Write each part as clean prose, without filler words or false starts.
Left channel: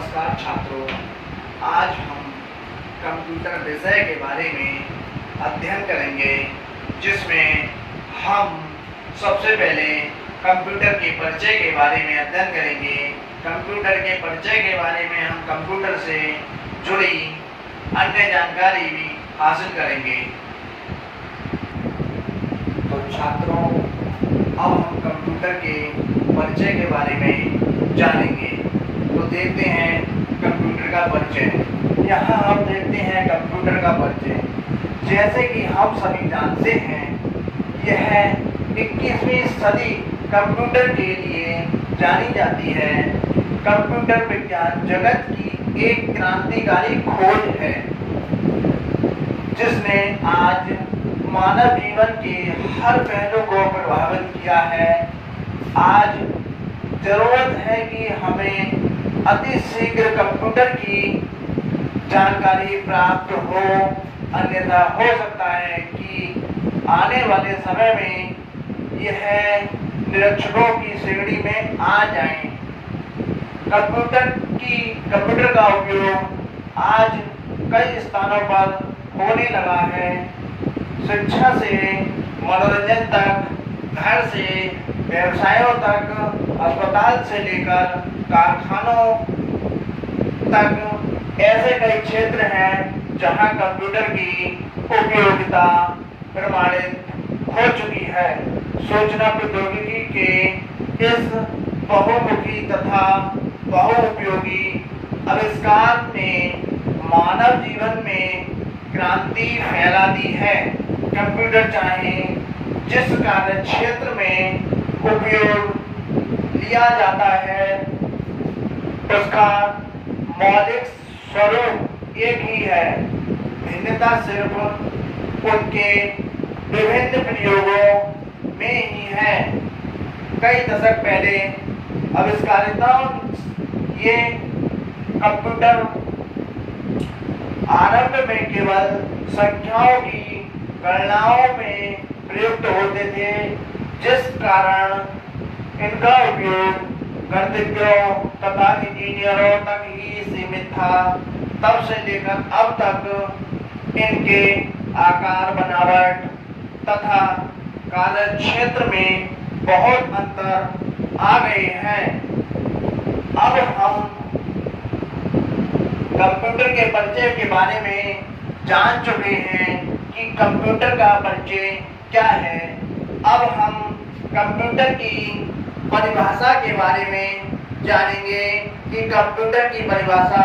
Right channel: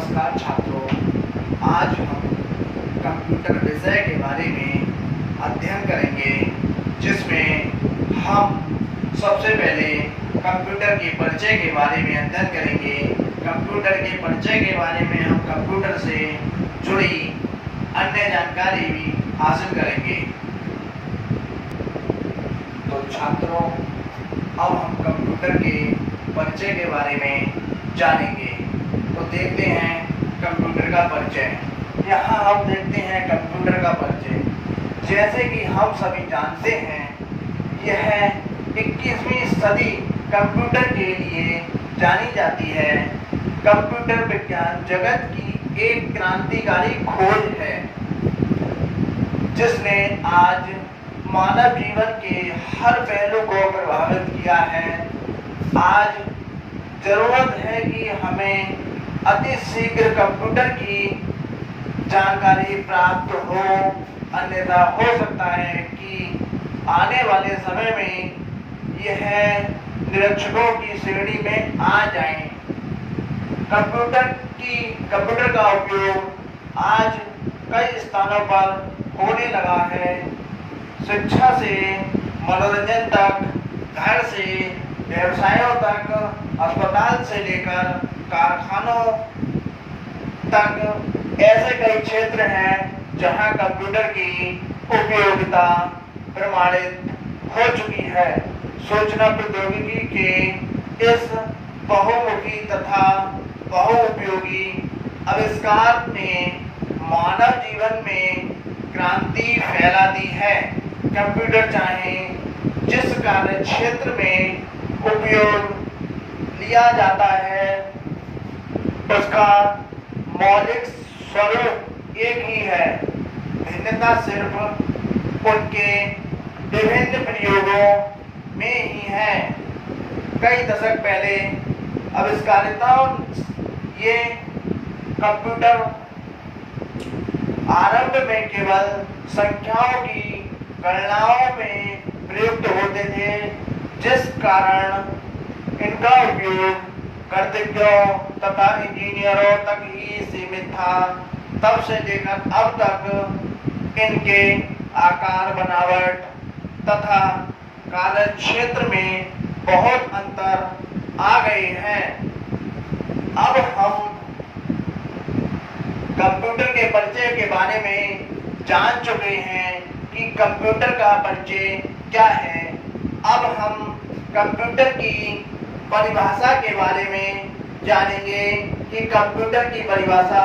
नमस्कार छात्रों, आज हम कंप्यूटर विषय के बारे में अध्ययन करेंगे, जिसमें हम सबसे पहले कंप्यूटर के परिचय के बारे में अध्ययन करेंगे। कंप्यूटर के परिचय के बारे में हम कंप्यूटर से जुड़ी अन्य जानकारी भी हासिल करेंगे। तो छात्रों, अब हम कंप्यूटर के परिचय के बारे में जानेंगे। तो देखते हैं कंप्यूटर का परिचय। यहाँ हम देखते हैं कंप्यूटर का परिचय। जैसे कि हम सभी जानते हैं, यह 21वीं सदी कंप्यूटर के लिए जानी जाती है। कंप्यूटर विज्ञान जगत की एक क्रांतिकारी खोज है, जिसने आज मानव जीवन के हर पहलू को प्रभावित किया है। आज जरूरत है कि हमें अति शीघ्र कंप्यूटर की जानकारी प्राप्त हो, अन्यथा हो सकता है कि आने वाले समय में यह निरीक्षकों की श्रेणी में आ जाएं। कंप्यूटर का उपयोग आज कई स्थानों पर होने लगा है। शिक्षा से मनोरंजन तक, घर से व्यवसायों तक, अस्पताल से लेकर कारखानों तक ऐसे कई क्षेत्र हैं जहां कंप्यूटर की उपयोगिता प्रमाणित हो चुकी है। सूचना प्रौद्योगिकी के इस बहुमुखी तथा बहुउपयोगी आविष्कार ने मानव जीवन में क्रांति फैला दी है। कंप्यूटर चाहे जिस कार्य क्षेत्र में उपयोग लिया जाता है, उसका मौलिक स्वरूप एक ही है। भिन्नता सिर्फ उनके विभिन्न प्रयोगों में ही है। कई दशक पहले आविष्कारिताओं ये कंप्यूटर आरंभ में केवल संख्याओं की गणनाओं में प्रयुक्त होते थे, जिस कारण इनका उपयोग गणितज्ञों तथा इंजीनियरों तक ही सीमित था। तब से लेकर अब तक इनके आकार, बनावट तथा कार्य क्षेत्र में बहुत अंतर आ गए हैं। अब हम कंप्यूटर के परिचय के बारे में जान चुके हैं कि कंप्यूटर का परिचय क्या है। अब हम कंप्यूटर की परिभाषा के बारे में जानेंगे कि कंप्यूटर की परिभाषा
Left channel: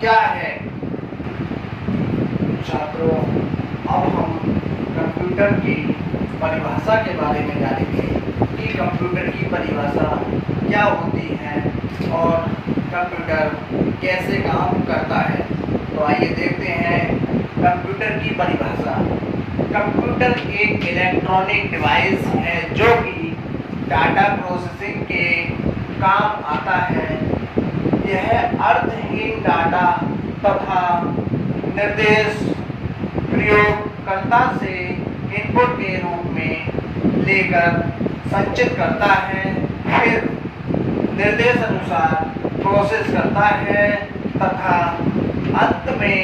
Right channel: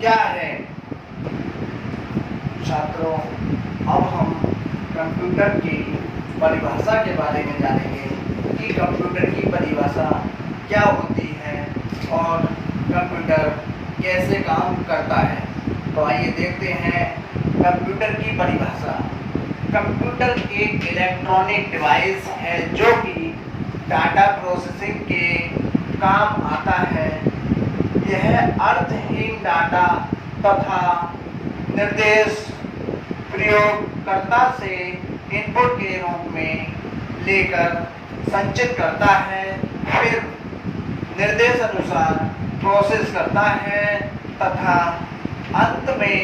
क्या है। छात्रों, अब हम कंप्यूटर की परिभाषा के बारे में जानेंगे कि कंप्यूटर की परिभाषा क्या होती है और कंप्यूटर कैसे काम करता है। तो आइए देखते हैं कंप्यूटर की परिभाषा। कंप्यूटर एक इलेक्ट्रॉनिक डिवाइस है जो कि डाटा प्रोसेसिंग के काम आता है। यह अर्थहीन डाटा तथा निर्देश प्रयोगकर्ता से इनपुट के रूप में लेकर संचित करता है, फिर निर्देश अनुसार प्रोसेस करता है तथा अंत में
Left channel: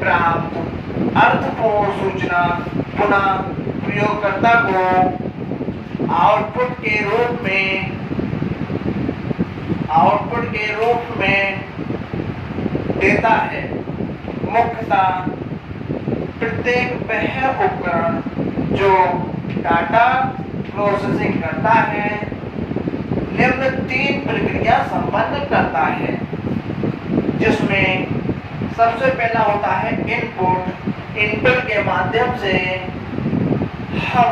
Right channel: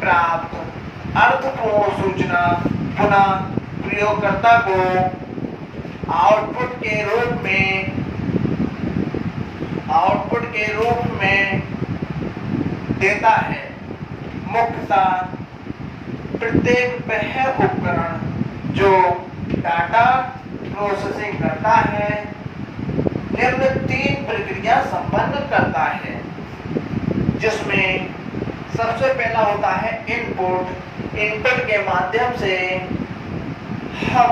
प्राप्त अर्थपूर्ण सूचना पुनः प्रयोगकर्ता को आउटपुट के रूप में देता है। मुख्यतः प्रत्येक वह उपकरण जो डाटा प्रोसेसिंग करता है, निम्न 3 प्रक्रिया संपन्न करता है, जिसमें सबसे पहला होता है इनपुट के माध्यम से हम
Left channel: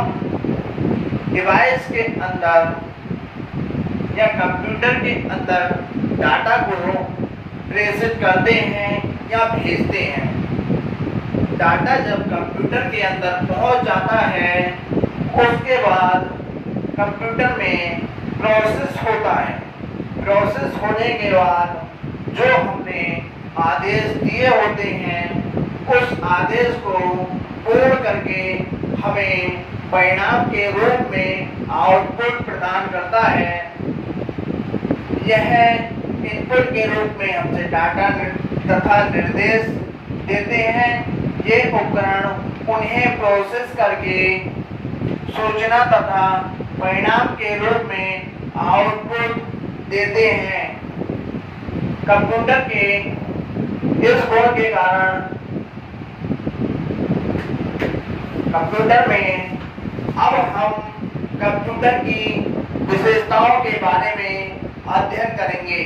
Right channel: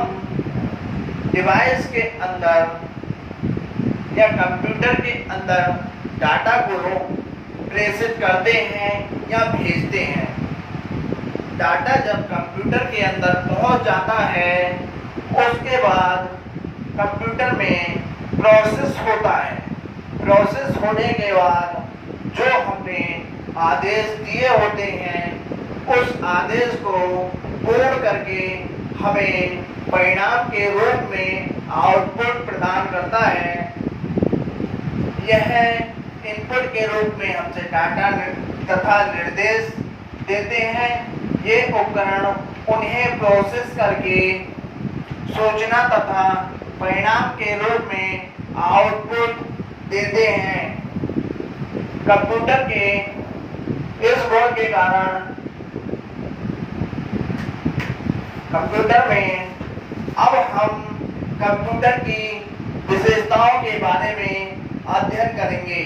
डिवाइस के अंदर या कंप्यूटर के अंदर डाटा को प्रेषित करते हैं या भेजते हैं। डाटा जब कंप्यूटर के अंदर पहुंच जाता है, उसके बाद कंप्यूटर में प्रोसेस होता है। प्रोसेस होने के बाद जो हमने आदेश दिए होते हैं, उस आदेश को पूर्ण करके हमें परिणाम के रूप में आउटपुट प्रदान करता है। यह इनपुट के रूप में हमसे डाटा तथा निर्देश देते हैं। ये उपकरण उन्हें प्रोसेस करके सूचना तथा परिणाम के रूप में आउटपुट देते हैं। कंप्यूटर के इस गुण के कारण कंप्यूटर में अब हम कंप्यूटर की विशेषताओं के बारे में अध्ययन करेंगे।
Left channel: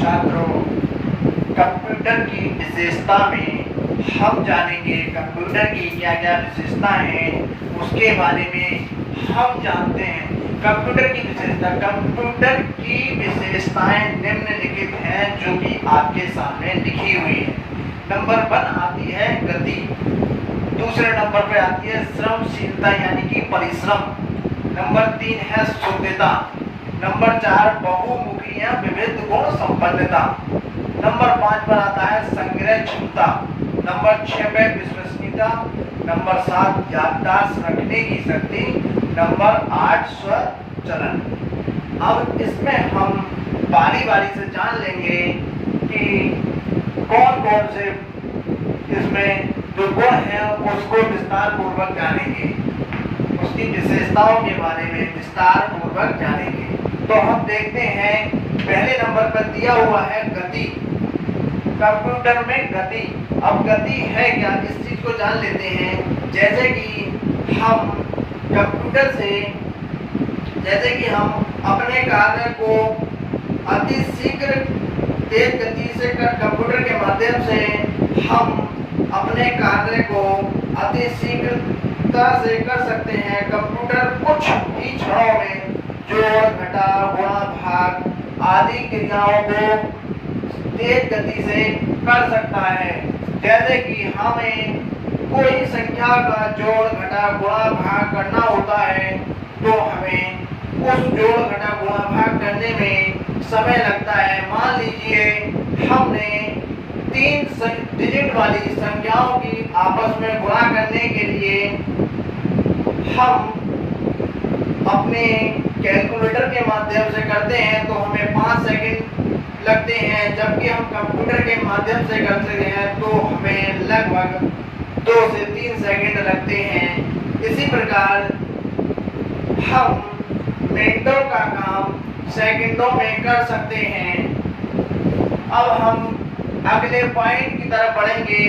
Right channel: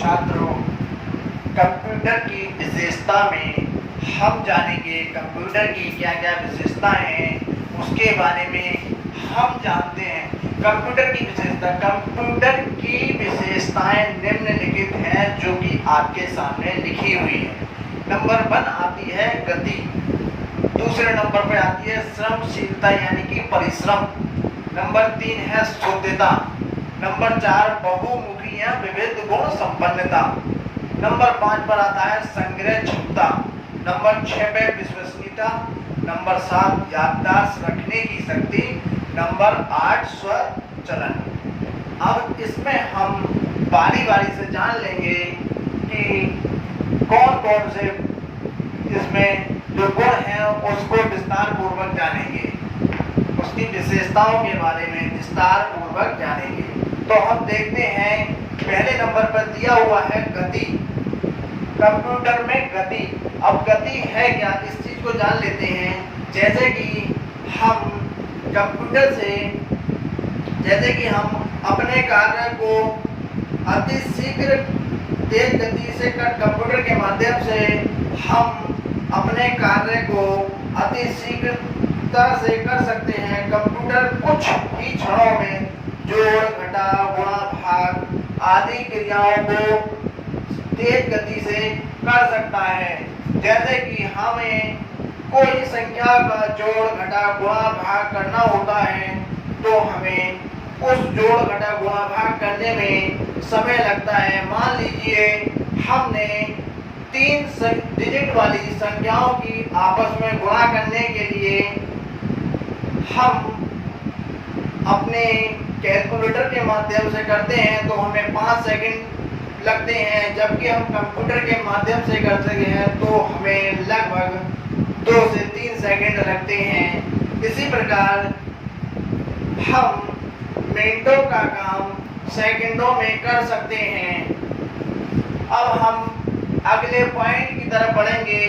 छात्रों, कंप्यूटर की विशेषता में हम जानेंगे कंप्यूटर की क्या क्या विशेषता हैं, उसके बारे में हम जानते हैं। कंप्यूटर की विशेषताएं निम्नलिखित हैं जो कि आपके सामने लिखी हुई है। नंबर 1 आती है गति, दूसरे नंबर पे आती है श्रमशीलता यानी कि परिश्रम, नंबर 3 है शुद्धता, नंबर 4 बहुमुखी या विविध गुण संपन्नता, नंबर 5 पर आता है संग्रह क्षमता, नंबर 6 पे विश्वसनीयता, नंबर 7 याददाश्त रखने की शक्ति, नंबर 8 स्वचलन। अब इसमें हम बारी बारी से जान लेंगे कि कौन कौन से इसमें जो गुण हैं उसको विस्तार पूर्वक जानेंगे, उसकी विशेषताओं के बारे में विस्तार पूर्वक जानेंगे। तो हम देखते हैं पहले नंबर पर दिया हुआ है गति। कंप्यूटर में गति, अब गति है क्या, इस चीज को जान लेते हैं। जैसे कि हम कंप्यूटर से अपने कार्य को अति शीघ्र तेज गति से कंप्यूटर के माध्यम से हम अपने कार्य को अति शीघ्रता से कर सकते हैं। कंप्यूटर कुछ ही क्षणों में जोड़, घटा, गुणा, भाग आदि क्रियाओं को तेज गति से कर सकता है। जैसे कि हमें कोई संख्या का जोड़, घटा, गुणा, भाग करना होता है तो हमें उस जोड़, घटा, गुणा, भाग करने में समय लगता है। मान लीजिए हमने 3 डिजिट वाली संख्याओं की आपस में गुणा करने के लिए हम अपने कैलकुलेटर के माध्यम से करते हैं तो हमें 5 सेकंड लगते हैं, जबकि हम कंप्यूटर के माध्यम से करते हैं तो हमें लगभग 2 से 3 सेकंड लगते हैं। इसी प्रकार हम मिनटों का काम सेकंडों में कर सकते हैं। अब हम अगले पॉइंट की तरफ बढ़ेंगे।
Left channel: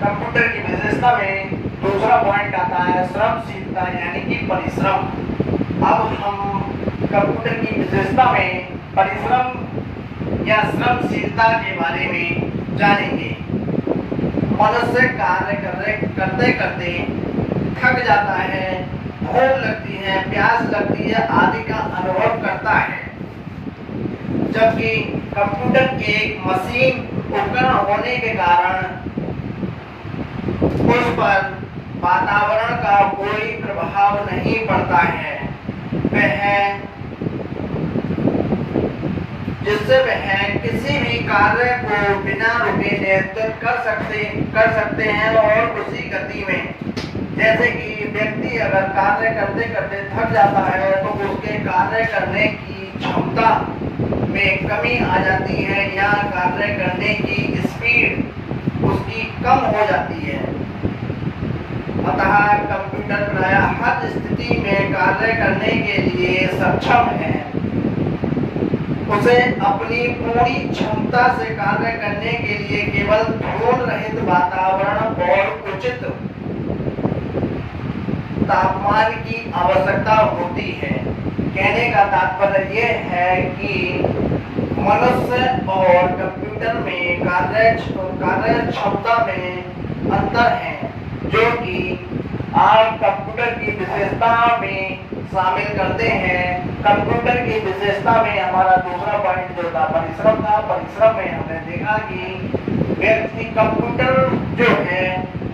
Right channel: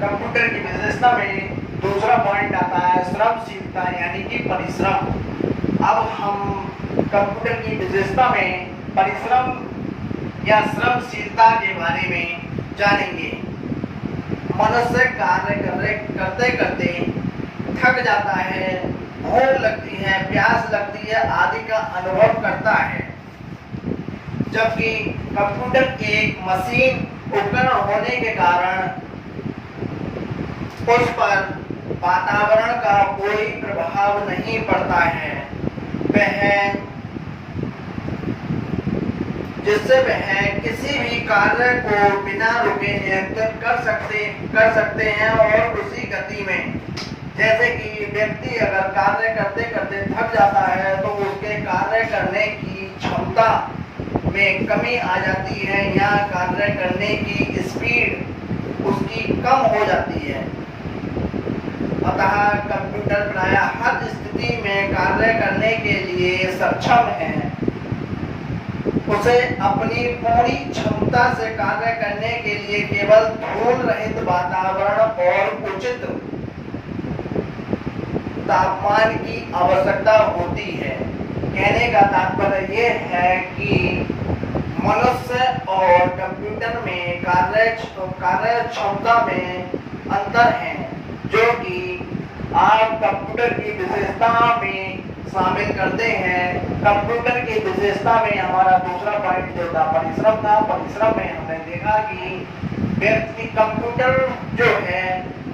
कंप्यूटर की विशेषता में दूसरा पॉइंट आता है श्रमशीलता यानी कि परिश्रम। अब हम कंप्यूटर की विशेषता में परिश्रम या श्रमशीलता के बारे में जानेंगे। मनुष्य कार्य करते करते थक जाता है, भूख लगती है, प्यास लगती है आदि का अनुभव करता है, जबकि कंप्यूटर एक मशीन उपकरण होने के कारण उस पर वातावरण का कोई प्रभाव नहीं पड़ता है। जिससे वह किसी भी कार्य को बिना रुके नियंत्रित कर सकते हैं और उसी गति में। जैसे कि व्यक्ति अगर कार्य करते करते थक जाता है तो उसके कार्य करने की क्षमता में कमी आ जाती है या कार्य करने की स्पीड उसकी कम हो जाती है। अतः कंप्यूटर प्रायः हर स्थिति में कार्य करने के लिए सक्षम है। उसे अपनी पूरी क्षमता से कार्य करने के लिए केवल धूल रहित वातावरण और उचित तापमान की आवश्यकता होती है। कहने का तात्पर्य यह है कि मनुष्य और कंप्यूटर में कार्य क्षमता में अंतर है, जो कि आप कंप्यूटर की विशेषता में शामिल करते हैं। कंप्यूटर की विशेषता में हमारा दूसरा पॉइंट जो था परिश्रम था। परिश्रम में हमने देखा कि व्यक्ति कंप्यूटर जो है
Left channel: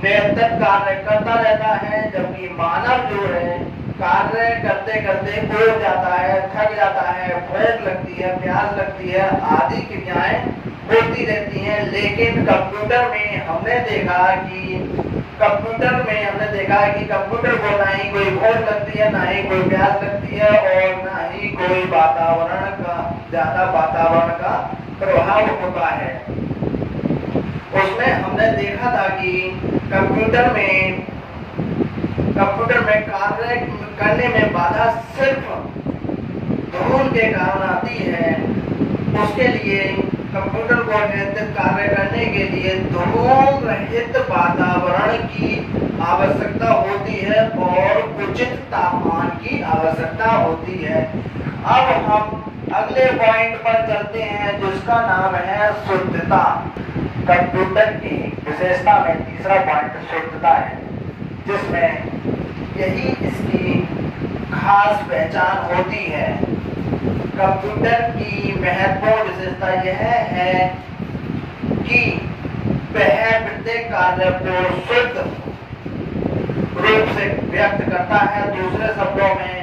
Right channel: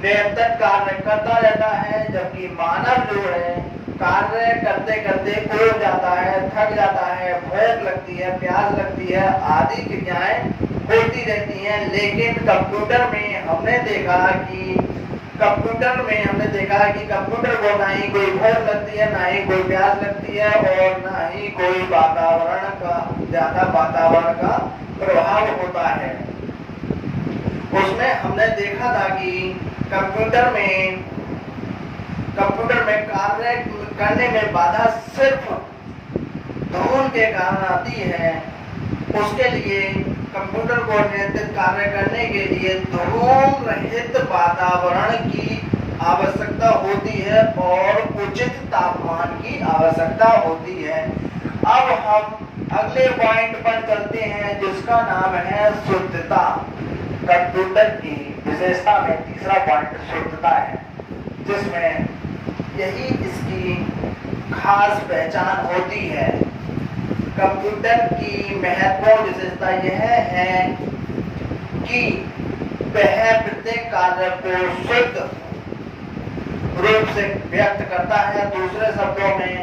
निरंतर कार्य करता रहता है, जबकि मानव जो है कार्य करते करते ऊब जाता है, थक जाता है, भूख लगती है, प्यास लगती है, आदि क्रियाएं होती रहती हैं। लेकिन कंप्यूटर में हमने देखा कि कंप्यूटर को ना ही कोई भूख लगती है, ना ही कोई प्यास लगती है, और ना ही कोई ज्यादा वातावरण का प्रभाव होता है। उसमें हमने देखा था कि कंप्यूटर में कार्य करने में बाधा सिर्फ धुन के कारण आती है। उसके लिए कंप्यूटर को नियंत्रित कार्य करने के लिए धूम रहित वातावरण की आवश्यकता होती है और उचित तापमान की आवश्यकता होती है। अब हम अगले पॉइंट पर चलते हैं, जिसका नाम है शुद्धता। कंप्यूटर की विशेषता में तीसरा पॉइंट शुद्धता है, जिसमें यही इसकी खास पहचान होती है। कंप्यूटर की महत्वपूर्ण विशेषता यह है कि वह प्रत्येक कार्य को शुद्ध रूप से व्यक्त करता है। दूसरे शब्दों में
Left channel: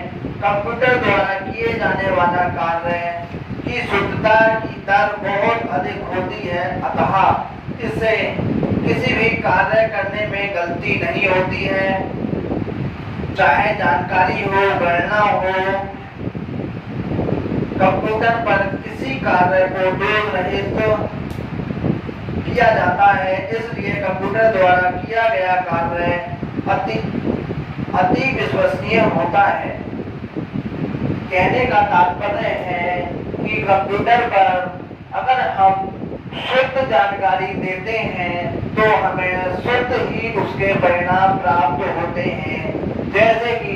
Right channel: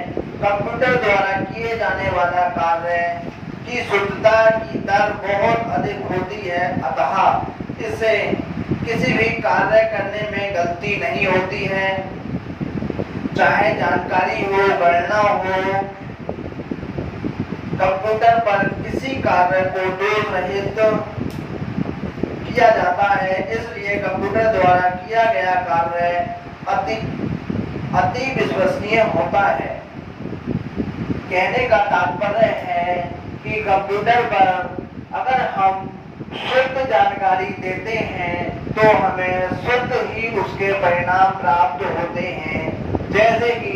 कंप्यूटर द्वारा किए जाने वाला कार्य की शुद्धता की दर बहुत अधिक होती है, अतः इससे किसी भी कार्य करने में गलती नहीं होती है। चाहे जानकारी हो, गणना हो, कंप्यूटर पर किसी कार्य को दोष रहित किया जाता है। इसलिए कंप्यूटर द्वारा किया गया कार्य अति विश्वसनीय होता है। कहने का तात्पर्य है कि कंप्यूटर पर अगर हम शुद्ध जानकारी देते हैं तो हमें शुद्ध ही उसके परिणाम प्राप्त होते हैं। जैसे कि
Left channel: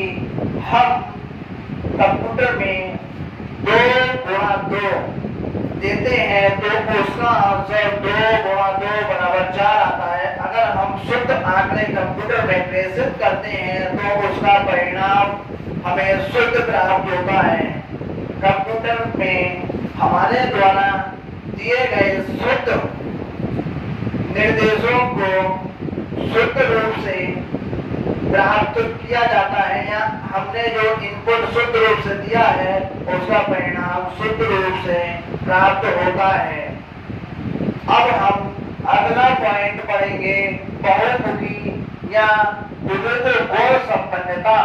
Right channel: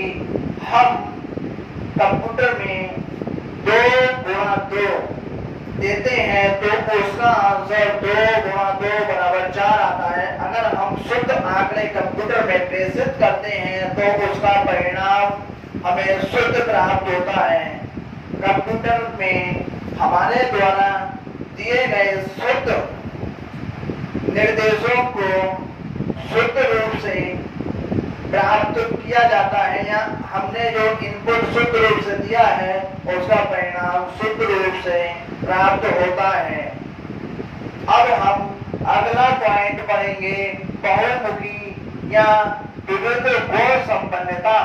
हम कंप्यूटर में 2 गुणा 2 देते हैं तो उसका आंसर 2 गुणा 2 बराबर 4 आता है। अगर हम शुद्ध आंकड़े कंप्यूटर में प्रेषित करते हैं तो उसका परिणाम हमें शुद्ध प्राप्त होता है। कंप्यूटर में हमारे द्वारा दिए गए शुद्ध निर्देशों को शुद्ध रूप से प्राप्त किया जाता है, या हमने जो इनपुट शुद्ध रूप से दिया है उसका परिणाम शुद्ध रूप से प्राप्त होता है। अब हम अगला पॉइंट पढ़ेंगे, बहुमुखी या विविध गुण संपन्नता।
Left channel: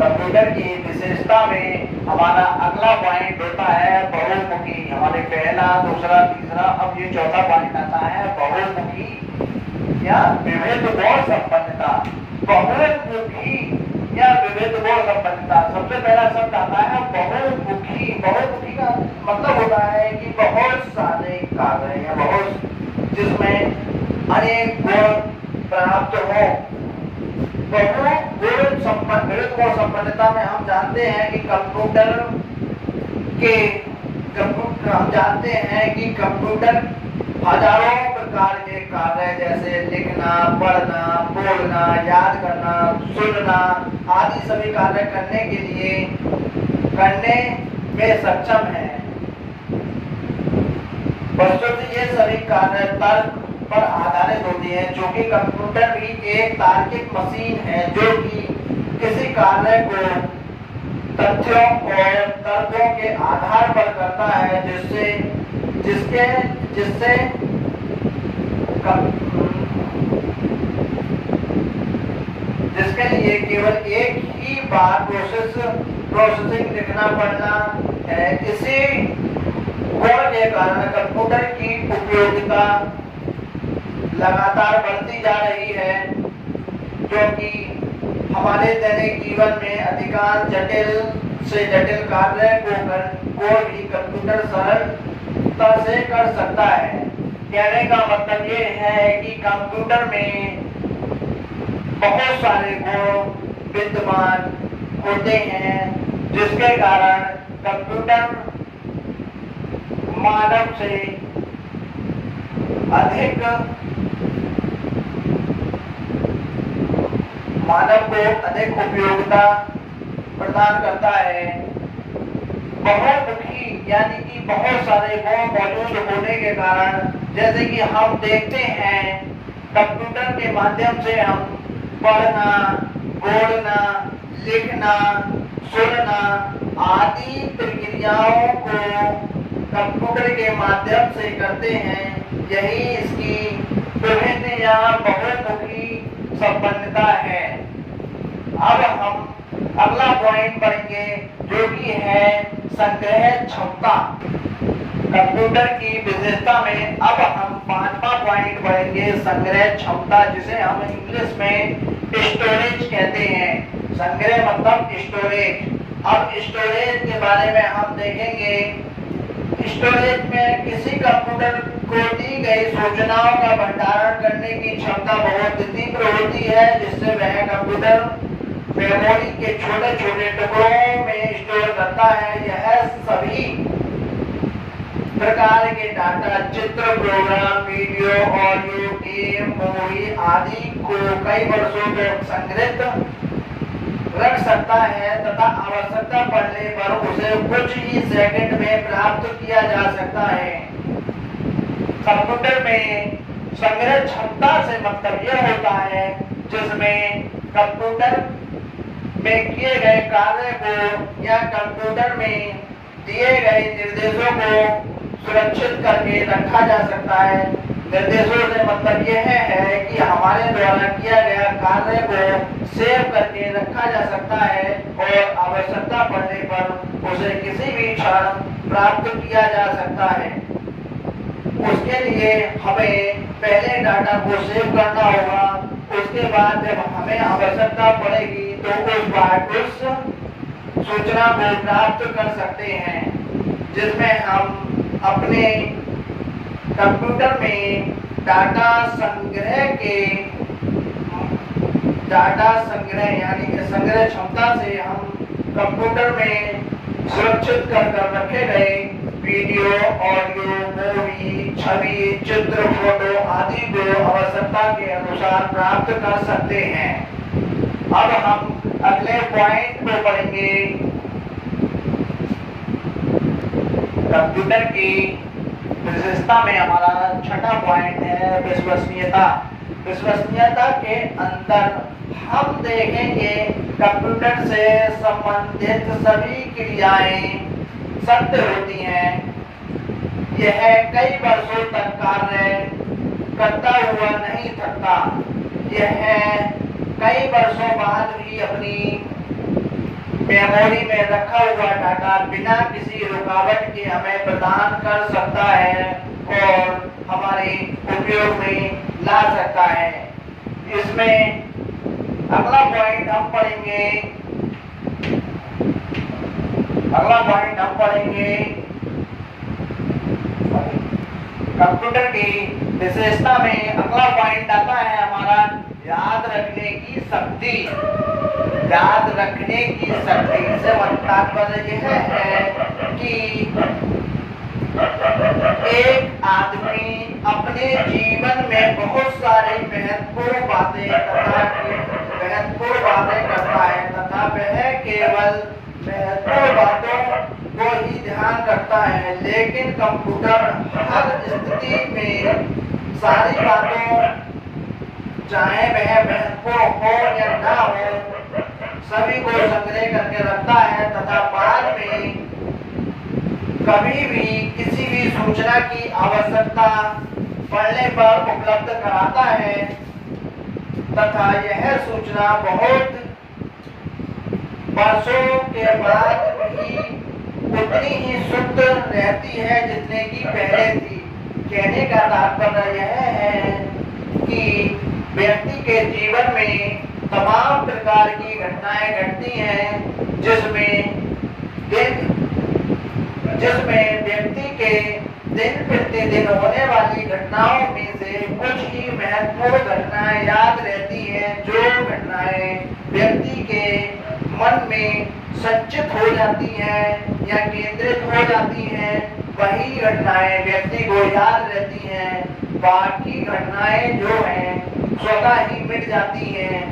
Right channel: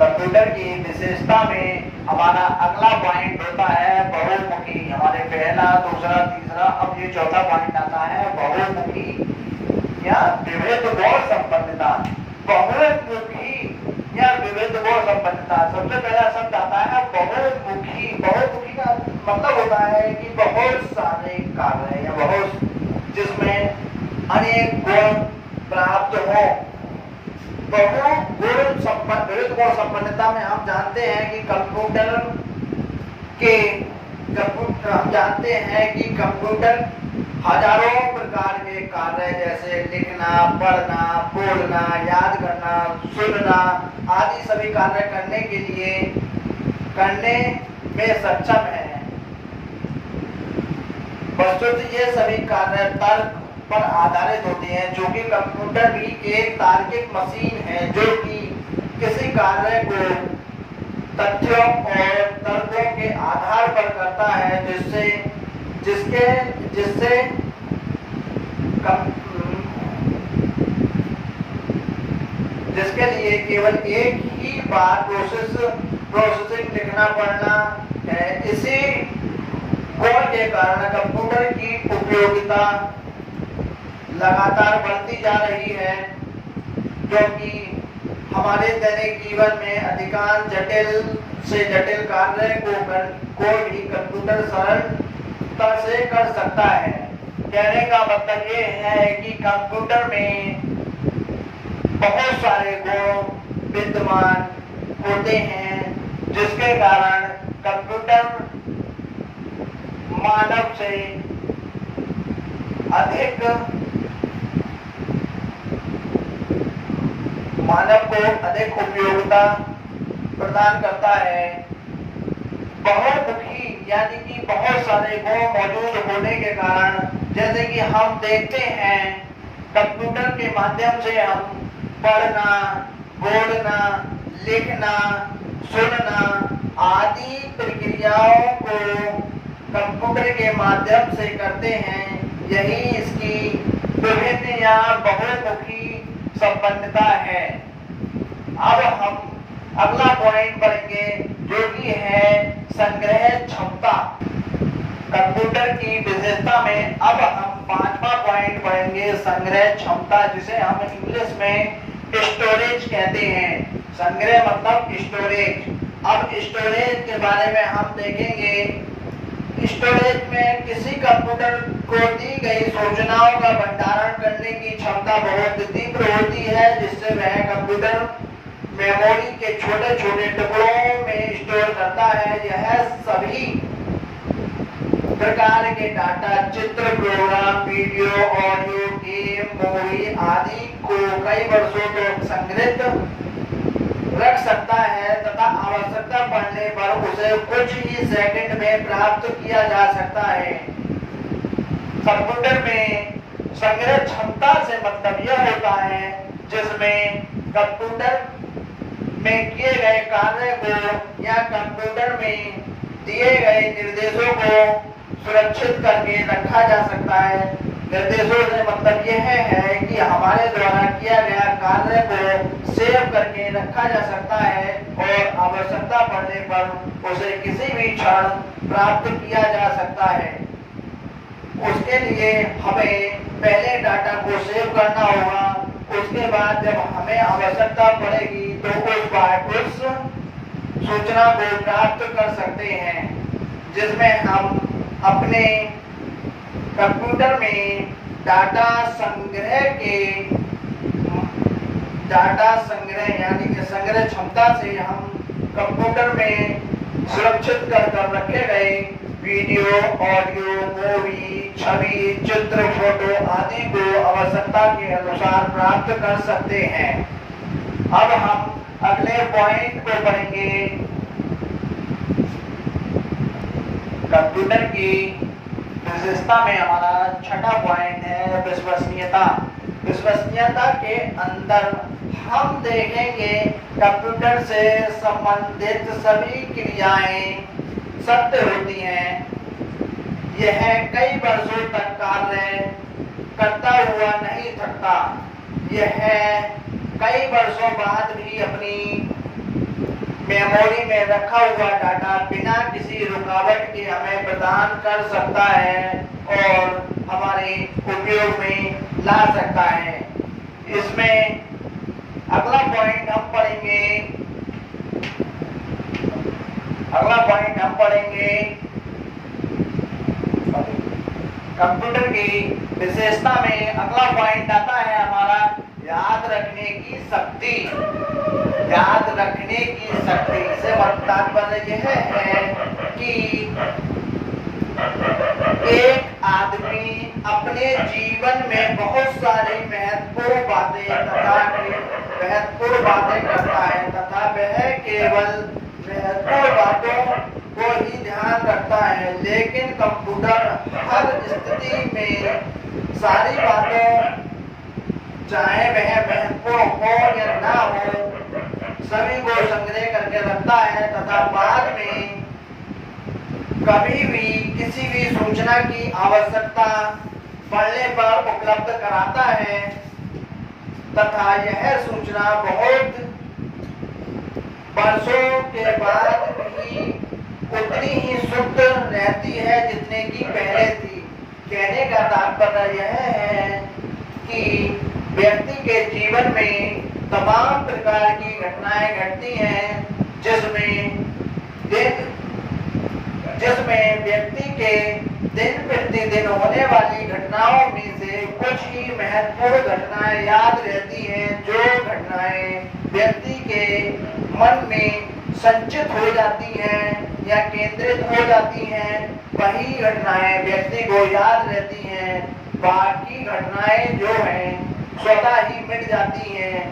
कंप्यूटर की विशेषता में हमारा अगला पॉइंट होता है बहुमुखी। हमारे पहला, दूसरा, तीसरा, अब ये चौथा पॉइंट आता है बहुमुखी या विविध गुण संपन्नता। बहुमुखी या विविध गुण संपन्नता, सबसे पहला शब्द आता है बहुमुखी। बहुमुखी का मतलब होता है कि बहुत सारे कार्य या जिसमें अनेक गुण प्राप्त हो। विविध गुण संपन्नता में हम जानते हैं कि कंप्यूटर हजारों प्रकार के कार्य जैसे लिखना, पढ़ना, बोलना, याद करना, सुनना आदि सभी कार्य करने में सक्षम है। वस्तुतः ये सभी कार्य तर्क पर आधारित होती है, चूंकि कंप्यूटर भी एक तार्किक मशीन है जो कि किसी कार्य को तथ्यों और तर्कों के आधार पर करता है, जिसके लिए केवल एक ही बार प्रोसेसिंग लिखना पड़ना है। इसी गुण के कारण कंप्यूटर की उपयोगिता लगातार बढ़ती जा रही है, क्योंकि हमारे दैनिक जीवन में अधिकांश जटिल से जटिल कार्य को भी कंप्यूटर सरलता से कर सकता है। कहने का मतलब ये है कि कंप्यूटर में बहुत सारे गुण विद्यमान होते हैं, जिसके कारण कंप्यूटर मानव को अधिक उपयोगिता प्रदान करता है। बहुमुखी यानी कि बहुत सारे गुण मौजूद होने के कारण, जैसे कि हम देखते हैं कंप्यूटर के माध्यम से हम पढ़ना, बोलना, लिखना, सुनना आदि प्रक्रियाओं को कंप्यूटर के माध्यम से करते हैं। यही इसकी विभिन्न या बहुमुखी संपन्नता है। अब हम अगला पॉइंट पढ़ेंगे जो कि है संग्रह क्षमता। कंप्यूटर की विशेषता में अब हम 5वां पॉइंट पढ़ेंगे संग्रह क्षमता, जिसे हम इंग्लिश में स्टोरेज कहते हैं। संग्रह मतलब स्टोरेज। अब स्टोरेज के बारे में हम देखेंगे। स्टोरेज में किसी कंप्यूटर को दी गई सूचनाओं का भंडारण करने की क्षमता बहुत तीव्र होती है, जिससे वह कंप्यूटर मेमोरी के छोटे छोटे टुकड़ों में स्टोर करता है। यह सभी प्रकार के डाटा, चित्र, program, video, audio, game, movie आदि को कई वर्षों तक संग्रहित रख सकता है तथा आवश्यकता पड़ने पर उसे कुछ ही सेकंड में प्राप्त किया जा सकता है। कंप्यूटर में संग्रह क्षमता से मतलब यह होता है जिसमें कंप्यूटर में किए गए कार्य को या कंप्यूटर में दिए गए निर्देशों को सुरक्षित करके रखा जा सकता है। निर्देशों से मतलब यह है कि हमारे द्वारा किया गया कार्य को सेव करके रखा जा सकता है और आवश्यकता पड़ने पर उसे किसी भी क्षण प्राप्त किया जा सकता है। उसके लिए हमें पहले डाटा को सेव करना होगा। उसके बाद जब हमें आवश्यकता पड़ेगी तो उस सूचना को प्राप्त कर सकते हैं, जिसमें हम अपने कंप्यूटर में डाटा संग्रह यानी कि संग्रह क्षमता से हम कंप्यूटर में सुरक्षित कर रखे गए वीडियो, ऑडियो, मूवी, छवि, चित्र, फोटो आदि को आवश्यकता के अनुसार प्राप्त कर सकते हैं। अब हम अगले पॉइंट को पढ़ेंगे। कंप्यूटर की विशेषता में हमारा छठा पॉइंट है विश्वसनीयता। विश्वसनीयता के अंदर हम देखेंगे कंप्यूटर से संबंधित सभी क्रियाएं सत्य होती हैं। यह कई वर्षों तक कार्य करता हुआ नहीं थकता। यह कई वर्षों बाद भी अपनी मेमोरी में रखा हुआ डाटा बिना किसी रुकावट के हमें प्रदान कर सकता है और हमारे उपयोग में ला सकता है। इसमें अगला पॉइंट हम पढ़ेंगे कंप्यूटर की विशेषता में अगला पॉइंट आता है हमारा याद रखने की शक्ति। याद रखने की शक्ति से तात्पर्य यह है कि एक आदमी अपने जीवन में बहुत सारी महत्वपूर्ण बातें करता है तथा वह केवल महत्वपूर्ण बातों को ही ध्यान रखता है, लेकिन कंप्यूटर हर स्थिति में सारी बातों, चाहे वह महत्वपूर्ण हो या ना हो, सभी को संग्रह करके रखता है तथा बाद में कभी भी किसी भी सूचना की आवश्यकता पड़ने पर उपलब्ध कराता है तथा यह सूचना बहुत वर्षों के बाद भी उतनी ही शुद्ध रहती है जितने की पहले थी। कहने का तात्पर्य यह है कि व्यक्ति के जीवन में तमाम प्रकार की घटनाएं घटती हैं जिसमें व्यक्ति के दिन प्रतिदिन होने वाली घटनाओं में से कुछ ही महत्वपूर्ण घटनाएं याद रहती हैं। जो घटनाएं व्यक्ति के मन में संचित हो जाती हैं या केंद्रित हो जाती हैं, वही घटनाएं व्यक्ति को याद रहती हैं। बाकी घटनाएं जो हैं स्वतः ही मिट जाती हैं।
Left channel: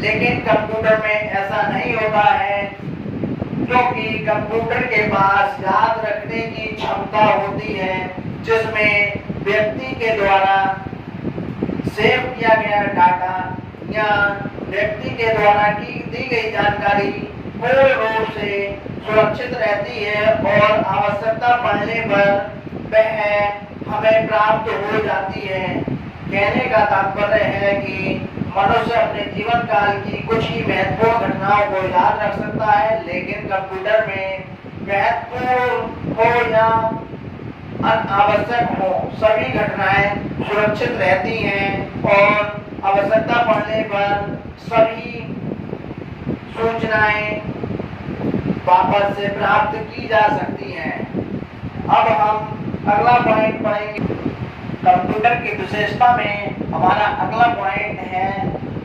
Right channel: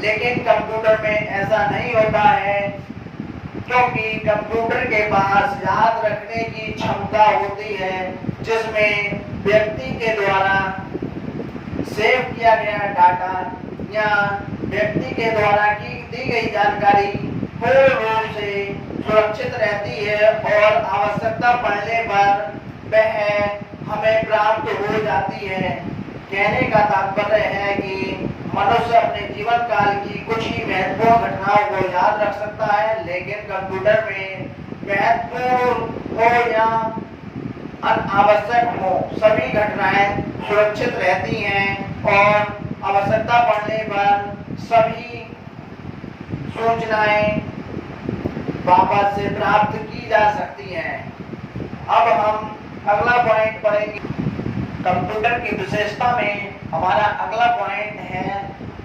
लेकिन कंप्यूटर में ऐसा नहीं होता है, क्योंकि कंप्यूटर के पास याद रखने की क्षमता होती है, जिसमें व्यक्ति के द्वारा सेव किया गया डाटा या व्यक्ति के द्वारा दी गई जानकारी पूर्ण रूप से सुरक्षित रहती है और आवश्यकता पड़ने पर वह हमें प्राप्त हो जाती है। कहने का तात्पर्य है कि मनुष्य अपने जीवन काल की कुछ ही महत्वपूर्ण घटनाओं को याद रख सकता है, लेकिन कंप्यूटर में महत्वपूर्ण हो या अनावश्यक हो, सभी घटनाएं सुरक्षित रहती हैं और आवश्यकता पड़ने पर सभी सूचनाएं वापस से प्राप्त की जा सकती हैं। अब हम अगला पॉइंट पढ़ेंगे। कंप्यूटर की विशेषता में हमारा अगला पॉइंट है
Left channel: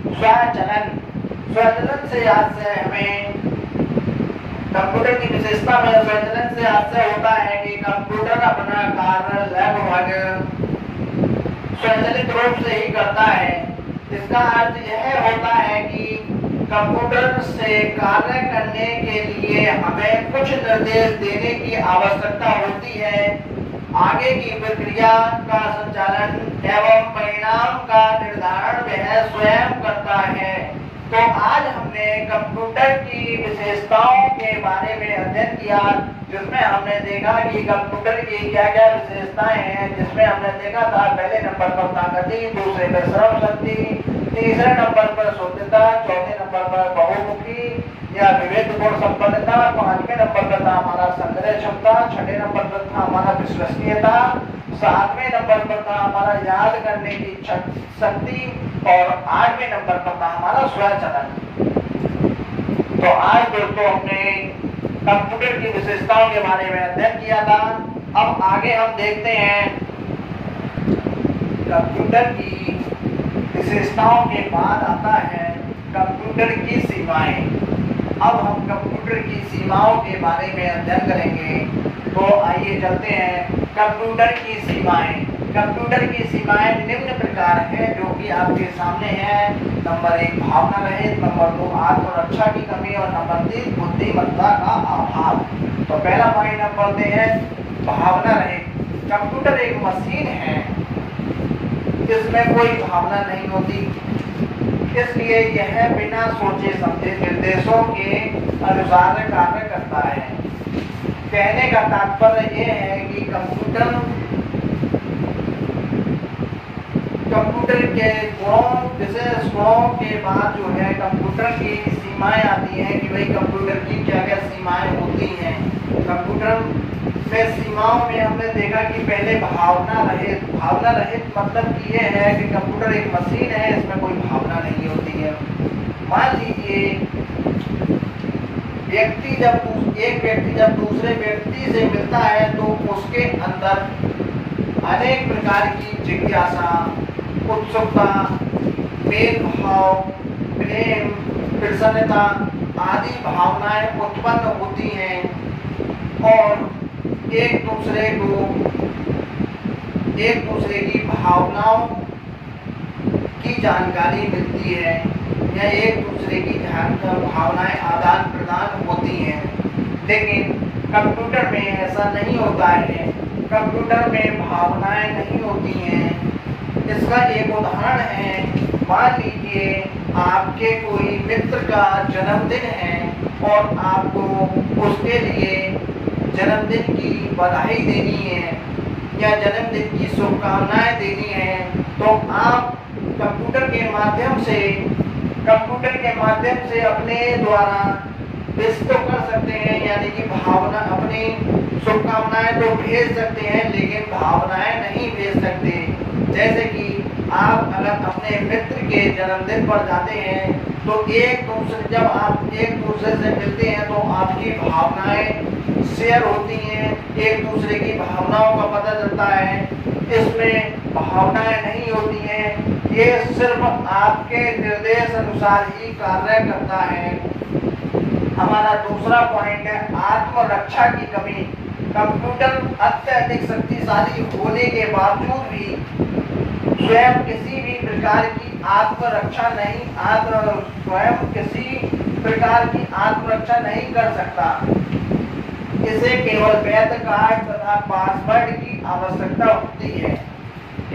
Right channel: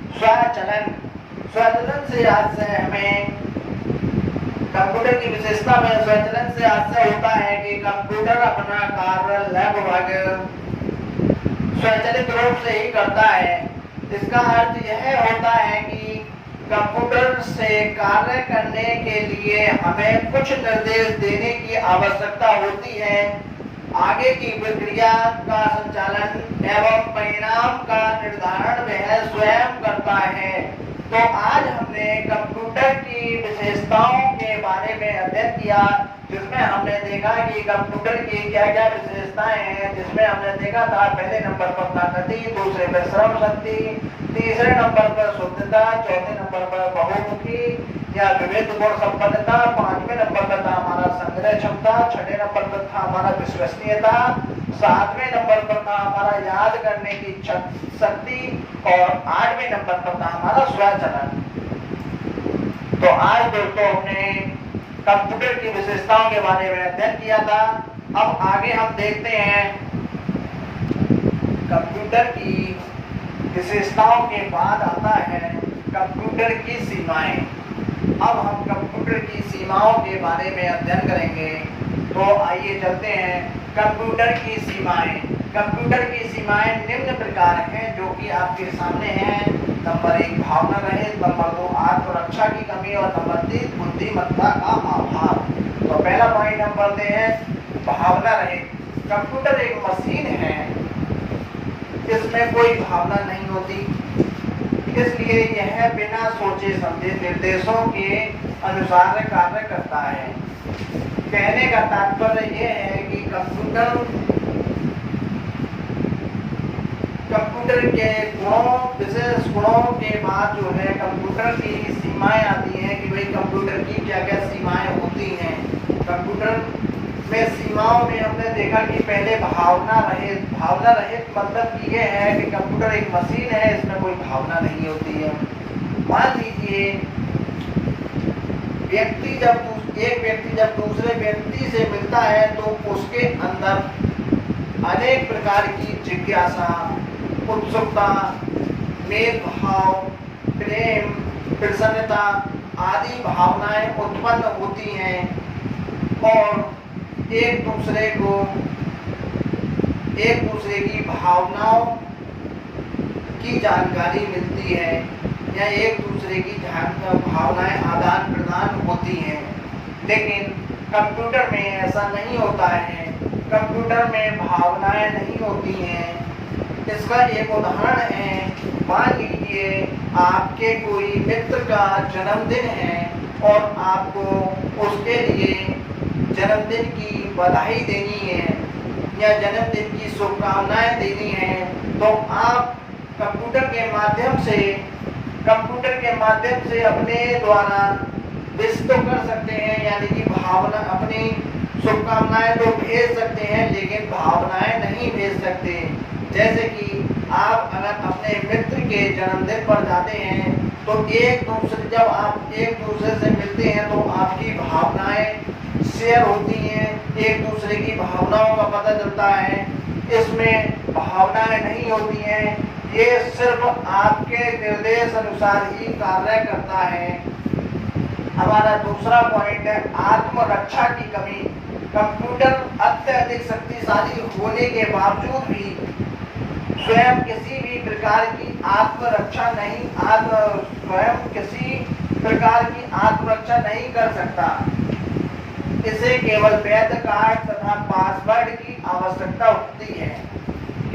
स्वचालन। स्वचालन से आज से हमें कंप्यूटर की विशेषता में स्वचालन से आज से होता है कि कंप्यूटर अपना कार्य लगभग स्वचालित रूप से ही करता है। इसका अर्थ यह होता है कि कंप्यूटर से कार्य करने के लिए हमें कुछ निर्देश देने की आवश्यकता होती है। आगे की प्रक्रिया का संचालन एवं परिणाम का निर्धारण वह स्वयं करता है। तो आज हमने कंप्यूटर की विशेषताओं के बारे में अध्ययन किया, जिसमें हमने देखा कि कंप्यूटर की क्या क्या विशेषताएं हैं। जिसमें हमने देखा था पहले नंबर पर ताकती, दूसरे पर श्रम शक्ति, तीसरे नंबर पर शुद्धता, चौथे नंबर पर बहुमुखी या विविध गुण संपन्नता, पांचवें नंबर पर था हमारा संग्रह क्षमता, छठे नंबर पर था हमारा विश्वसनीयता, सातवें नंबर पर था हमारा याद करने की शक्ति और आठवें नंबर पर था हमारा स्वचालन। तो आज दोस्तों हमने कंप्यूटर की विशेषताओं के बारे में अध्ययन किया था। अब आगे हम देखते हैं कंप्यूटर की विशेषताओं के बाद आता है कंप्यूटर की सीमाएं। अब हम कंप्यूटर की सीमाओं के बारे में अध्ययन करेंगे। तो आइए चलते हैं कंप्यूटर की सीमाएं। कंप्यूटर की सीमाएं निम्न प्रकार हैं जो कि आपके सामने हैं। नंबर 1 भावना रहित, नंबर 2 आत्मरक्षा की कमी और नंबर 3 बुद्धिमत्ता का अभाव। तो पहला पॉइंट हम पढ़ते हैं भावना रहित। कंप्यूटर एक मशीन है, इसमें कोई भावना नहीं होती, इसलिए यह बिना सोचे समझे निर्देशों के अनुसार कार्य करता है। कहने का तात्पर्य यह है कि कंप्यूटर के गुणों, विशेष गुणों के बाद जो है कंप्यूटर की सीमाएं आती हैं कि भाई कंप्यूटर की क्या क्या सीमाएं होती हैं। कंप्यूटर में सीमाओं में हमने देखा कि पहले भावना रहित। भावना रहित मतलब ये है कि कंप्यूटर एक मशीन है, इसमें कोई भावना नहीं होती है। मान लीजिए एक व्यक्ति जब दूसरे व्यक्ति से मिलता है तो उसके अंदर अनेक प्रकार की जिज्ञासा, उत्सुकता, मेल भाव, प्रेम, प्रसन्नता आदि भावनाएं उत्पन्न होती हैं और एक दूसरे की भावनाओं की जानकारी मिलती है या एक दूसरे की भावनाएं आदान प्रदान होती हैं। लेकिन कंप्यूटर में ऐसा नहीं होता है। कंप्यूटर में भावनाएं नहीं होती हैं। इसका एक उदाहरण है, मान लीजिए आपके कोई मित्र का जन्मदिन है और आपको उसके लिए जन्मदिन की बधाई देनी है या जन्मदिन की शुभकामनाएं देनी है, तो आप कंप्यूटर के माध्यम से अपने द्वारा विश तो कर सकते हैं, यानी कि भावना अपनी शुभकामनाएं तो भेज सकते हैं लेकिन भावनाएं नहीं भेज सकते। जैसे कि आप अगर अपने मित्र के जन्मदिन पर जाते हैं तो जब आप एक दूसरे से मिलते हैं तो आपकी भावनाएं शेयर होती हैं, एक दूसरे की भावनाओं का पता चलता है। इसमें भावनाएं नहीं होती हैं, ये सिर्फ आपके निर्देश अनुसार ही कार्य करता है। हमारा दूसरा पॉइंट है आत्मरक्षा की कमी। कंप्यूटर अत्यधिक शक्तिशाली होने के बावजूद भी स्वयं किसी प्रकार की आत्मरक्षा नहीं कर सकता। इसे केवल वैध कार्ड तथा पासवर्ड की आवश्यकता होती है।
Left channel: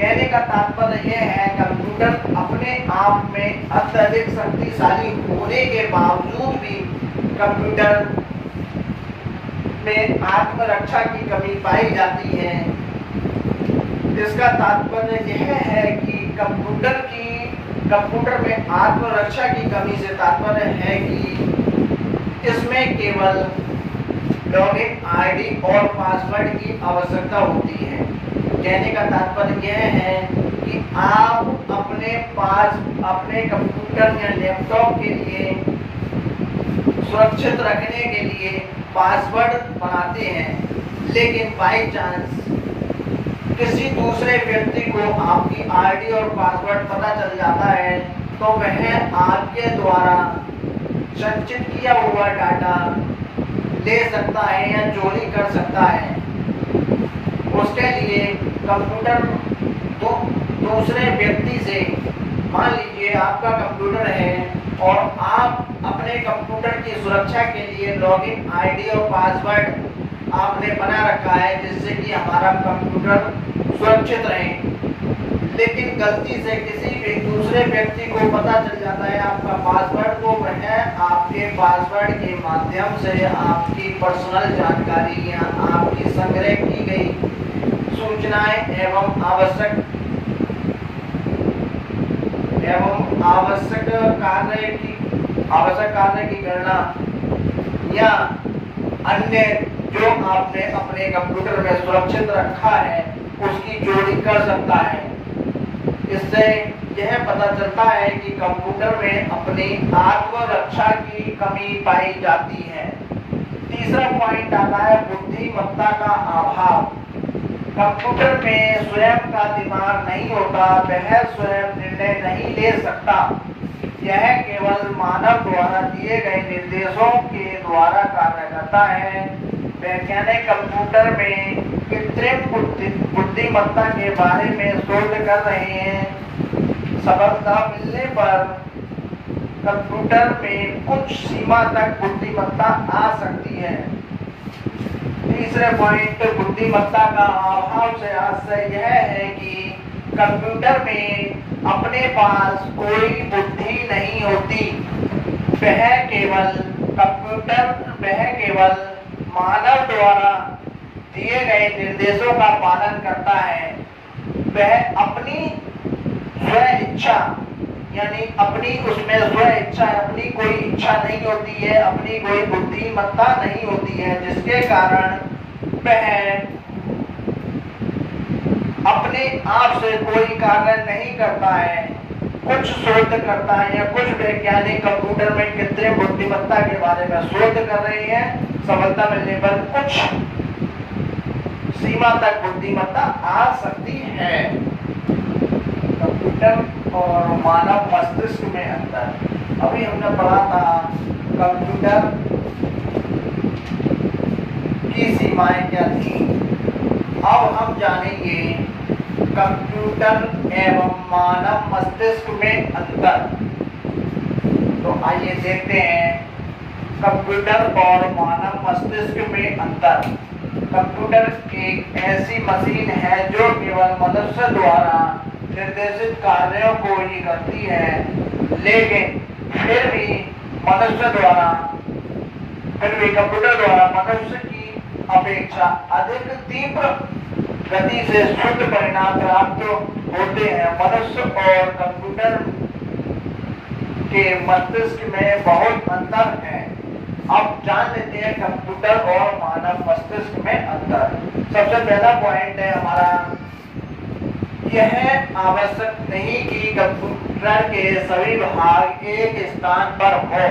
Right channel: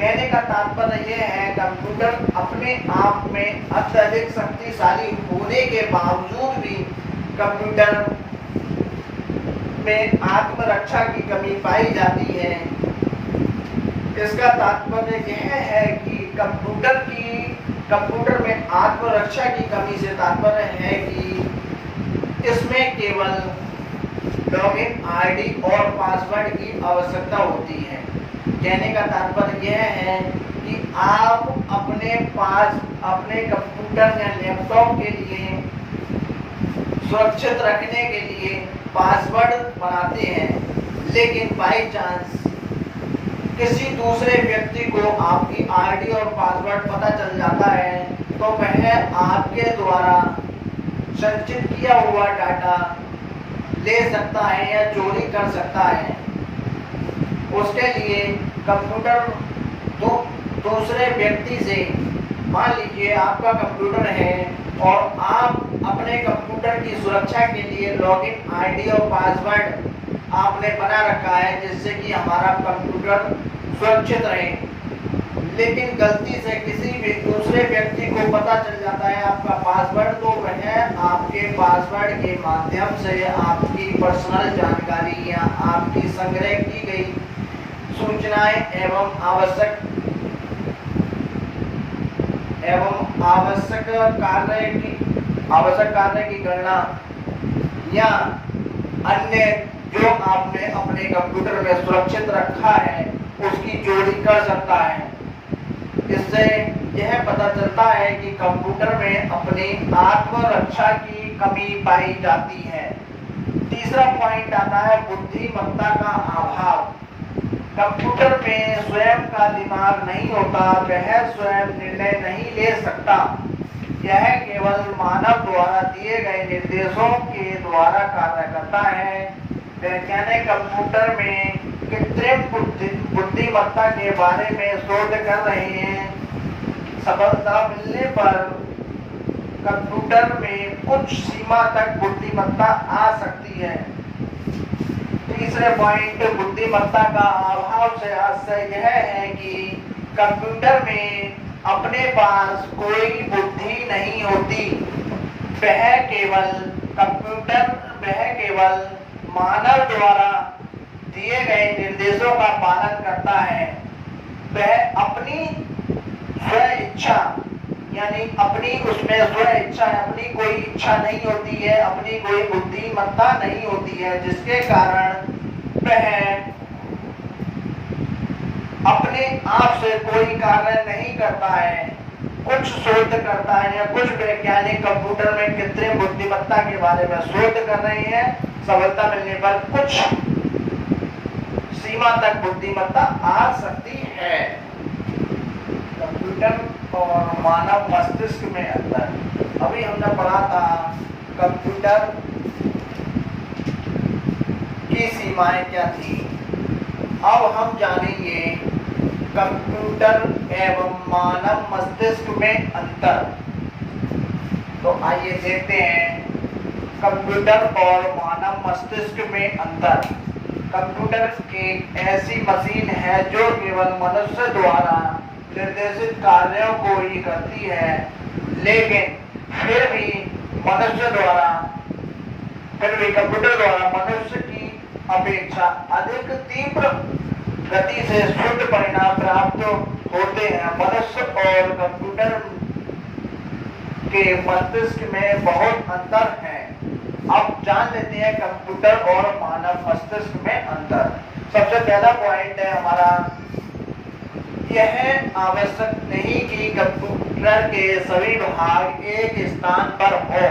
कहने का तात्पर्य यह है कंप्यूटर अपने आप में अत्यधिक शक्तिशाली होने के बावजूद भी कंप्यूटर में आत्मरक्षा की कमी पाई जाती है। इसका तात्पर्य यह है कि कंप्यूटर में आत्मरक्षा की कमी से तात्पर्य है कि इसमें केवल लॉगिन आईडी और पासवर्ड की आवश्यकता होती है। कहने का तात्पर्य यह है कि आप अपने कंप्यूटर या लैपटॉप के लिए सुरक्षित रखने के लिए पासवर्ड बनाते हैं, लेकिन बाई चांस किसी दूसरे व्यक्ति को आपकी आईडी और पासवर्ड पता चल जाता है तो वह आपके द्वारा संचित किया हुआ डाटा ले सकता है या चोरी कर सकता है। उसके लिए कंप्यूटर दूसरे व्यक्ति से, मान लीजिए आपका कंप्यूटर है और आप अपने कंप्यूटर की सुरक्षा के लिए लॉगिन आईडी और पासवर्ड आपने बना रखा है जिससे कि हमारा कंप्यूटर सुरक्षित रहे, लेकिन गलती से किसी भी दूसरे व्यक्ति को पता चल जाता है आपका पासवर्ड, तो वह आपके पासवर्ड के माध्यम से आपकी पर्सनल जानकारी या आपकी संग्रह की गई सूचनाएं एवं आवश्यक कार्य की गणना या अन्य जो आपने अपने कंप्यूटर में सुरक्षित रखा है उसकी चोरी कर सकता है। इससे यह पता चलता है कि कंप्यूटर में अपनी आत्मरक्षा की कमी पाई जाती है। तीसरा पॉइंट आता है बुद्धिमत्ता का अभाव। कंप्यूटर में स्वयं का दिमाग नहीं होता, वह स्वयं निर्णय नहीं ले सकता। यह केवल मानव द्वारा दिए गए निर्देशों के द्वारा कार्य करता है। वैज्ञानिक कंप्यूटर में कृत्रिम बुद्धिमत्ता के बारे में शोध कर रहे हैं। सफलता मिलने पर कंप्यूटर में कुछ सीमा तक बुद्धिमत्ता आ सकती है। तीसरे पॉइंट बुद्धिमत्ता का अभाव से आशय यह है कि कंप्यूटर में अपने पास कोई बुद्धि नहीं होती। वह केवल मानव द्वारा दिए गए निर्देशों का पालन करता है। वह अपनी स्व इच्छा यानी अपनी कोई इच्छा नहीं होती है, अपनी कोई बुद्धिमत्ता नहीं होती है, जिसके कारण वह अपने आप से कोई कार्य नहीं करता है। कुछ शोध करता है या कुछ वैज्ञानिक कंप्यूटर में कृत्रिम बुद्धिमत्ता के बारे में शोध कर रहे हैं। सफलता मिलने पर कुछ सीमा तक बुद्धिमत्ता आ सकती है। कंप्यूटर और मानव मस्तिष्क में अंतर। अभी हमने पढ़ा था कंप्यूटर की सीमाएं क्या थी। अब हम जानेंगे कंप्यूटर एवं मानव मस्तिष्क में अंतर। तो आइए देखते हैं कंप्यूटर और मानव मस्तिष्क में अंतर। कंप्यूटर एक ऐसी मशीन है जो केवल मनुष्य द्वारा निर्देशित कार्यों को ही करती है, लेकिन फिर भी कंप्यूटर द्वारा मनुष्य की अपेक्षा अधिक तीव्र गति से शुद्ध परिणाम प्राप्त होते हैं। मनुष्य और कंप्यूटर के मस्तिष्क में बहुत अंतर है। अब जान लेते हैं कंप्यूटर और मानव मस्तिष्क में अंतर। सबसे पहला पॉइंट है हमारा, यह आवश्यक नहीं कि कंप्यूटर के सभी भाग एक स्थान पर हो।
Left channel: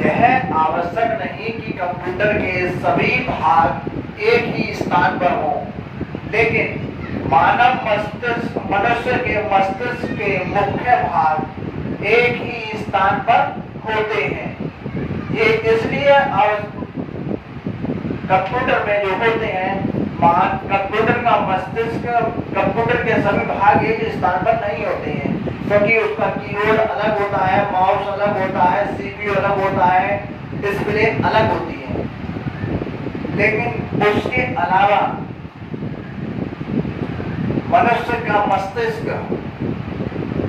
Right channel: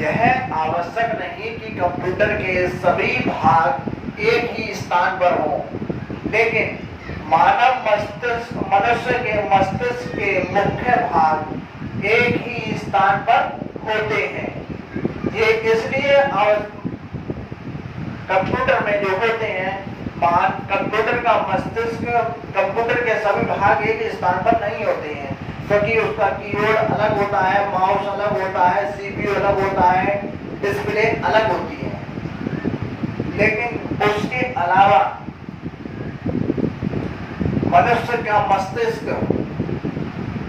यह आवश्यक नहीं कि कंप्यूटर के सभी भाग एक ही स्थान पर हो, लेकिन मनुष्य के मस्तिष्क के मुख्य भाग एक ही स्थान पर होते हैं। ये इसलिए कंप्यूटर में जो होते हैं, कंप्यूटर का मस्तिष्क, कंप्यूटर के सभी भाग एक स्थान पर नहीं होते हैं, क्योंकि उसका कीबोर्ड अलग होता है, माउस अलग होता है, सीपीयू अलग होता है, डिस्प्ले अलग होती है। लेकिन उसके अलावा मनुष्य का मस्तिष्क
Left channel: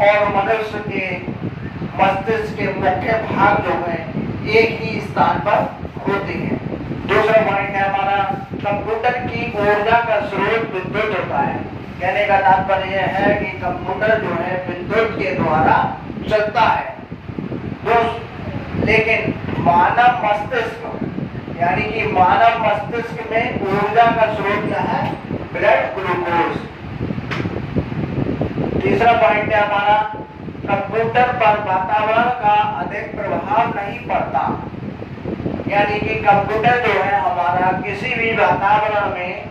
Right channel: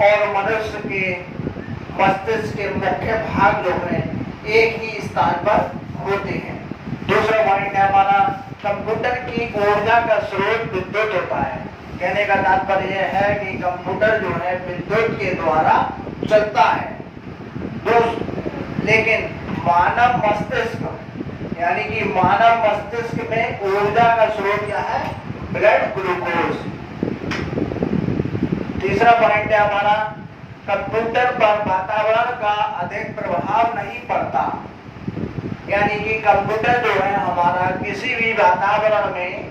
और मनुष्य के मस्तिष्क के मुख्य भाग जो है एक ही स्थान पर होते हैं। दूसरा पॉइंट है हमारा, कंप्यूटर की ऊर्जा का स्रोत विद्युत होता है। कहने का तात्पर्य यह है कि कंप्यूटर जो है विद्युत के द्वारा चलता है। लेकिन मानव मस्तिष्क यानी कि मानव मस्तिष्क में ऊर्जा का स्रोत क्या है? Blood glucose. तीसरा पॉइंट है हमारा, कंप्यूटर पर वातावरण का अधिक प्रभाव नहीं पड़ता। यानी कि कंप्यूटर जो है हमारा किसी भी वातावरण में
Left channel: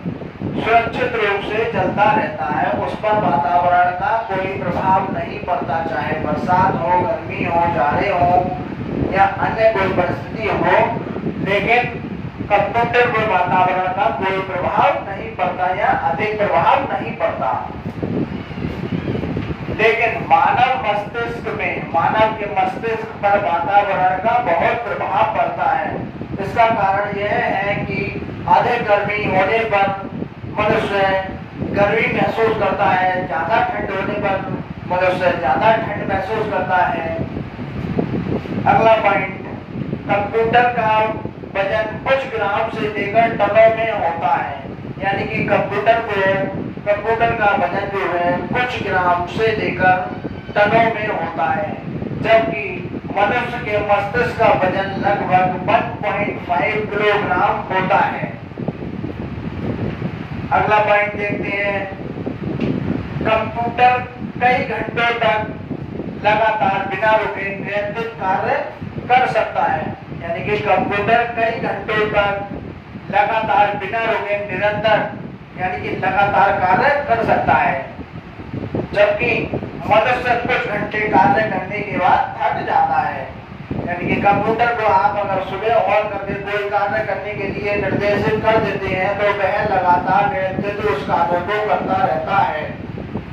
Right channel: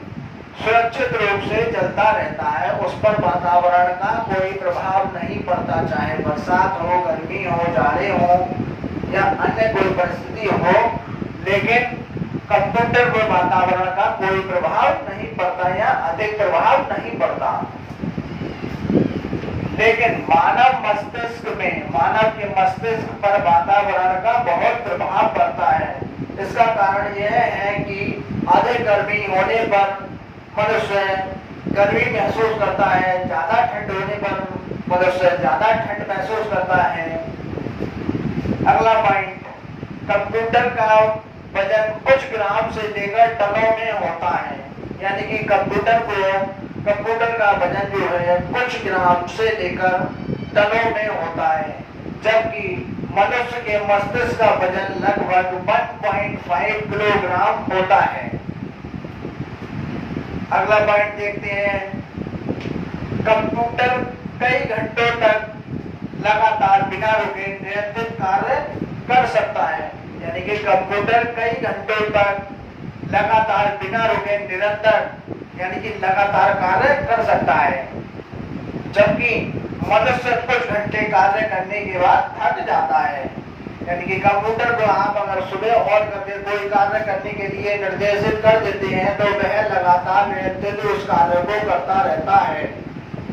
सुरक्षित रूप से चलता रहता है, उस पर वातावरण का कोई प्रभाव नहीं पड़ता, चाहे बरसात हो, गर्मी हो, जाड़े हो या अन्य कोई परिस्थिति हो, लेकिन कंप्यूटर पर वातावरण का कोई प्रभाव नहीं पड़ता या अधिक प्रभाव नहीं पड़ता। लेकिन मानव मस्तिष्क में, मानव के मस्तिष्क पर वातावरण का बहुत प्रभाव पड़ता है। इसका कारण यह है कि अधिक गर्मी होने पर मनुष्य गर्मी महसूस करता है, ज्यादा ठंड होने पर मनुष्य ज्यादा ठंड महसूस करता है। अगला पॉइंट, कंप्यूटर का वजन कुछ ग्राम से लेकर टनों में होता है। यानी कि कंप्यूटर का वजन जो है कुछ ग्राम से लेकर टनों में होता है, जबकि मनुष्य के मस्तिष्क का वजन लगभग 1.5 किलोग्राम होता है। अगला पॉइंट देखते हैं, कंप्यूटर कई घंटों तक लगातार बिना रुके निरंतर कार्य कर सकता है। यानी कि कंप्यूटर कई घंटों तक लगातार बिना रुके निरंतर यानी कि लगातार कार्य कर सकता है, जबकि मनुष्य कुछ घंटे कार्य करने के बाद थक जाता है। यानी कि कंप्यूटर को आप अगर सुबह ऑन करके कोई कार्य करने के लिए निर्देशित कर देते हैं तो वह लगातार निरंतर उस कार्य को करता रहता है,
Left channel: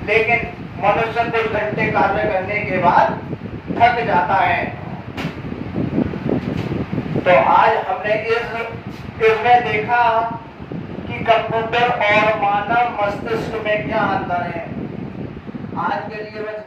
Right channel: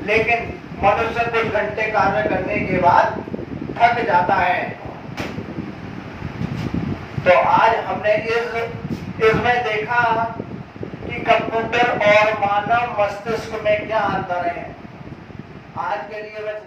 लेकिन मनुष्य कुछ घंटे कार्य करने के बाद थक जाता है। तो आज हमने इसमें देखा कि कंप्यूटर और मानव मस्तिष्क में क्या अंतर है। आज के लिए बस